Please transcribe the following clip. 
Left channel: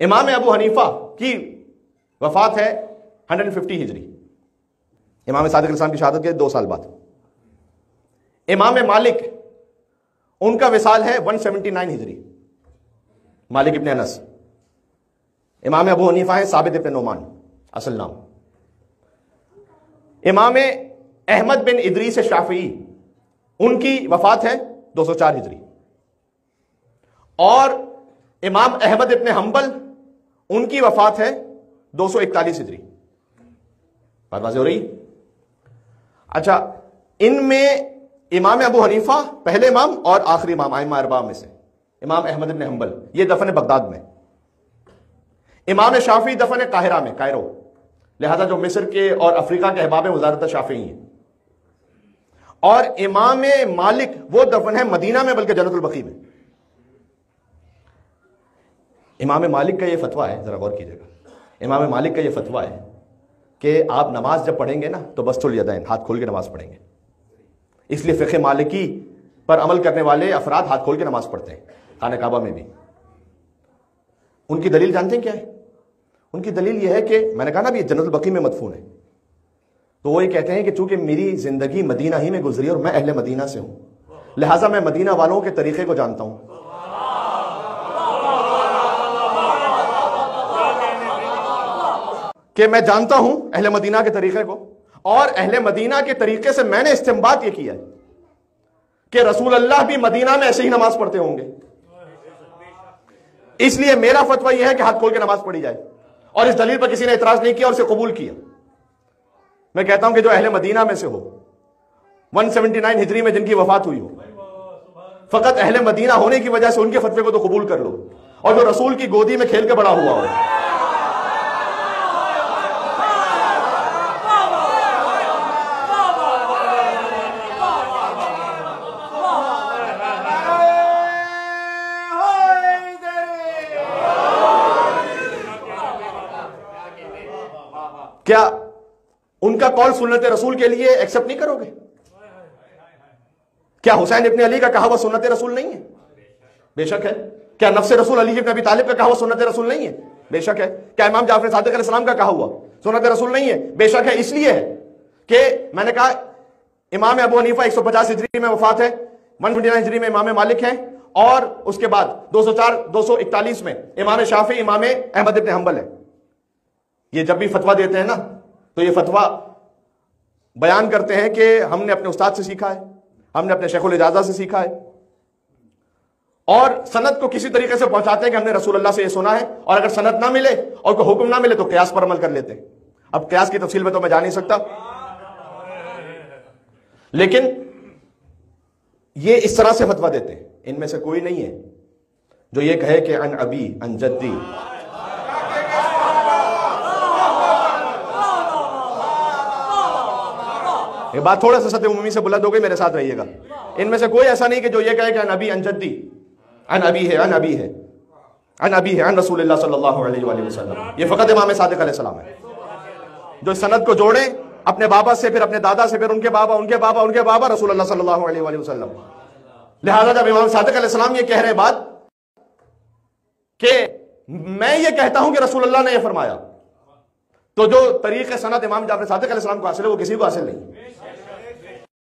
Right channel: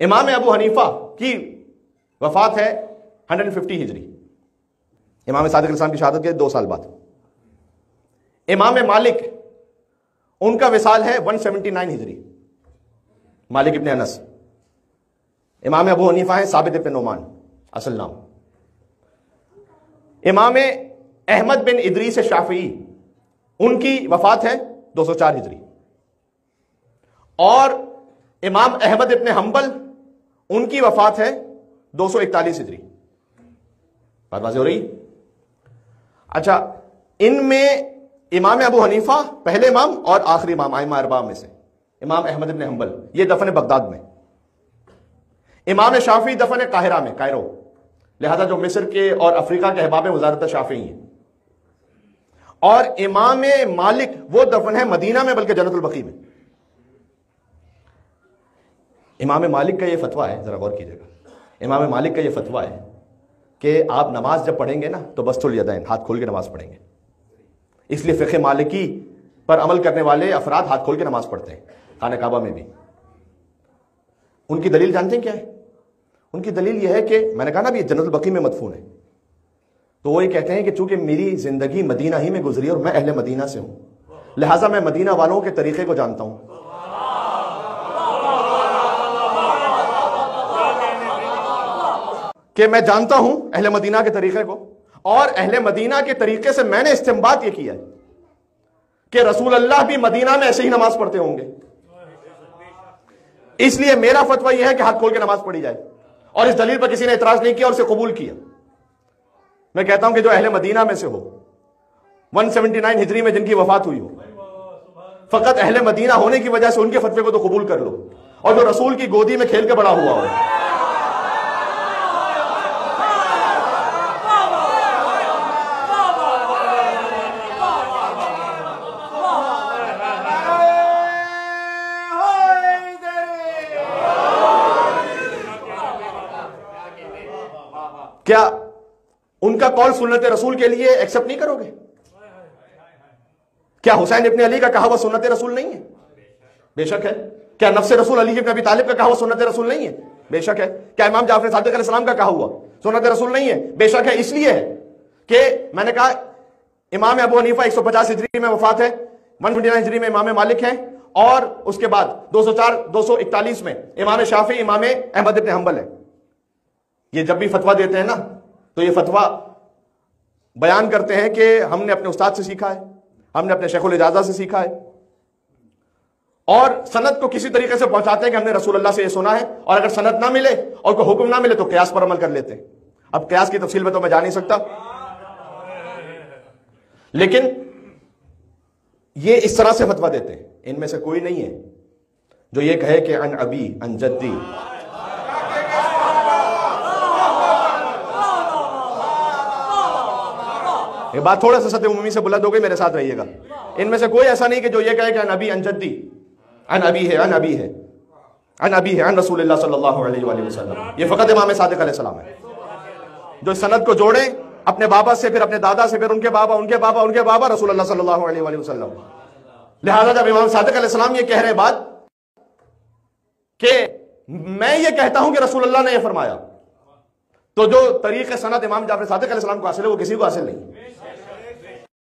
امام ابو حنیفہ کی وفات ہے 150 ہجری، امام صادق علیہ السلام کی شہادت کے 2 سال بعد۔ امام مالک ان کا وصال ہے 179 ہجری، مالک ابن انس۔ امام ابو حنیفہ ہے ثابت ابن نعمان اصل نام۔ امام احمد بن ادریس شافعی ان کی وفات ہے 204 ہجری، اور امام احمد ابن حنبل ان کی وفات ہے 241 ہجری۔ بات واضح ہو رہی؟ اچھا، ان میں امام ابو حنیفہ پہلے امام اور آخری امام ائمہ اربعہ میں سے، امام احمد ابن حنبل یہ دفن بغداد میں، امام شافعی دفن قاہرہ میں، کائرو، لہذا جو مصر کے اور افریقہ کے احباب وزارت شافعی ہیں، اور امام مالک وہ دفن ہے مدینہ میں بلکہ جنت البقیع میں۔ امام مالک کا یہ فتویٰ ہے، ذرا غور کیجئے گا، امام مالک کا یہ فتویٰ ہے کہ آپ نماز جب پڑھیں گے نا تو بسط الیدین، ہاتھ کھول کے نماز پڑھیں گے۔ اس لیے فقہ مالکی پر عمل کرنے والے افراد ہاتھ کھول کے نماز پڑھتے ہیں، خانہ کعبہ میں بھی۔ ان کی دلیل جانتے ہیں کیا ہے؟ ان کی دلیل یہ ہے کہ میں نے کہا نا بھی جنت البقیع میں مدفون ہے، تو وہ یہ کہتے ہیں کہ چونکہ میری زندگی مدینہ ہی میں گزری اور میں اہل مدینہ سے ہوں، لہٰذا میں مدینہ والوں کے طریقے کو جانتا ہوں۔ کہ میں جانتا ہوں اہل مدینہ کے طریقے کو، اور اہل مدینہ کے طریقے سے میں نے استنباط یہ کیا ہے کہ رسول اللہ بھی مدینہ میں ایسے ہی نماز پڑھتے ہوں گے، اس لیے میرا فتویٰ یہ ہے کہ ہاتھ کھول کے نماز پڑھی جائے، اور اس دلیل پر کسی نے اعتراض نہیں کیا اور اسے قبول کیا۔ میں کہتا ہوں کہ جو اہل مدینہ میں سے ہو، 179 ہجری میں جن کی وفات ہوئی ہو، فقط اہل مدینہ ہونے کی وجہ سے ان کے فتوے کو تو قبول کر لو، اور جو رسول کی گودی میں کھیل کے بڑا ہوا ہو۔ کیا ان کا قول سنت رسول کے لیے ایکسپٹ نہیں کرو گے؟ کیا حسین ابن علی کا کہا ہوا سنت رسول نہیں ہے؟ بے شک ہے۔ کیا نفس رسول علی ابن ابی طالب کا کہا ہوا سنت رسول نہیں ہے؟ بے شک ہے۔ کیا امام جعفر صادق علیہ السلام کا کہا ہوا سنت رسول نہیں ہے؟ بے شک ہے۔ اس لیے ہے کہ میں نے کہا امام ابو حنیفہ 150 ہجری میں وفات ہے، 129 ہجری میں امام مالک ہے، اور اس کے بعد 241 میں امام شافعی امام احمد ابن حنبل ہے۔ یہ جب بھی فتویٰ دیتے ہیں نا تو یہ فتویٰ بیان کرتے ہیں کہ ہم نے اپنے استاد سے سیکھا ہے، ہم نے اپنے شیخ الاجازہ سے سیکھا ہے، اور سند کو کسی طریقے سے پہنچاتے ہیں کہ ہم نے رسول اللہ سے یہ سنا ہے، اور اگر سند نہ ملے اور کوئی حکم نہ ملے تو قیاس پر عمل کر لیتے ہیں۔ اب قیاس کی تفصیل میں تو میں جا نہیں سکتا، لیکن یہ اس طرح سے فتویٰ دیتے ہیں۔ ان میں سے کوئی نہیں ہے جو یہ کہے کہ ان ابی ان جدی، یہ بات تھوڑا سا سطح عمومی سے بلند ہو گئی، میرے ساتھ رہیے گا۔ ان میں سے کوئی ایسا نہیں کہ جو یہ کہے کہ ان ابی ان جدی، ان ابی ہے، ان ابی ہے، ان ابی ہے، ان رسول اللہ صلی اللہ علیہ وآلہ وسلم۔ یہ فقط امام صادق علیہ السلام ہے جو سند کو جوڑے اپنے بابا سے، پھر اپنے دادا سے، پھر ان کے بابا، ان کے بابا، ان کے بابا، رسول اللہ صلی اللہ علیہ وآلہ وسلم۔ لہذا جب امام صادق علیہ السلام یہ کہہ رہے بات کہ میں یہ کہتا ہوں کہ رسول اللہ نے یہ فرمایا، تو جو طریق سند امام جعفر صادق علیہ السلام کو حاصل ہے وہ کسی کو حاصل نہیں۔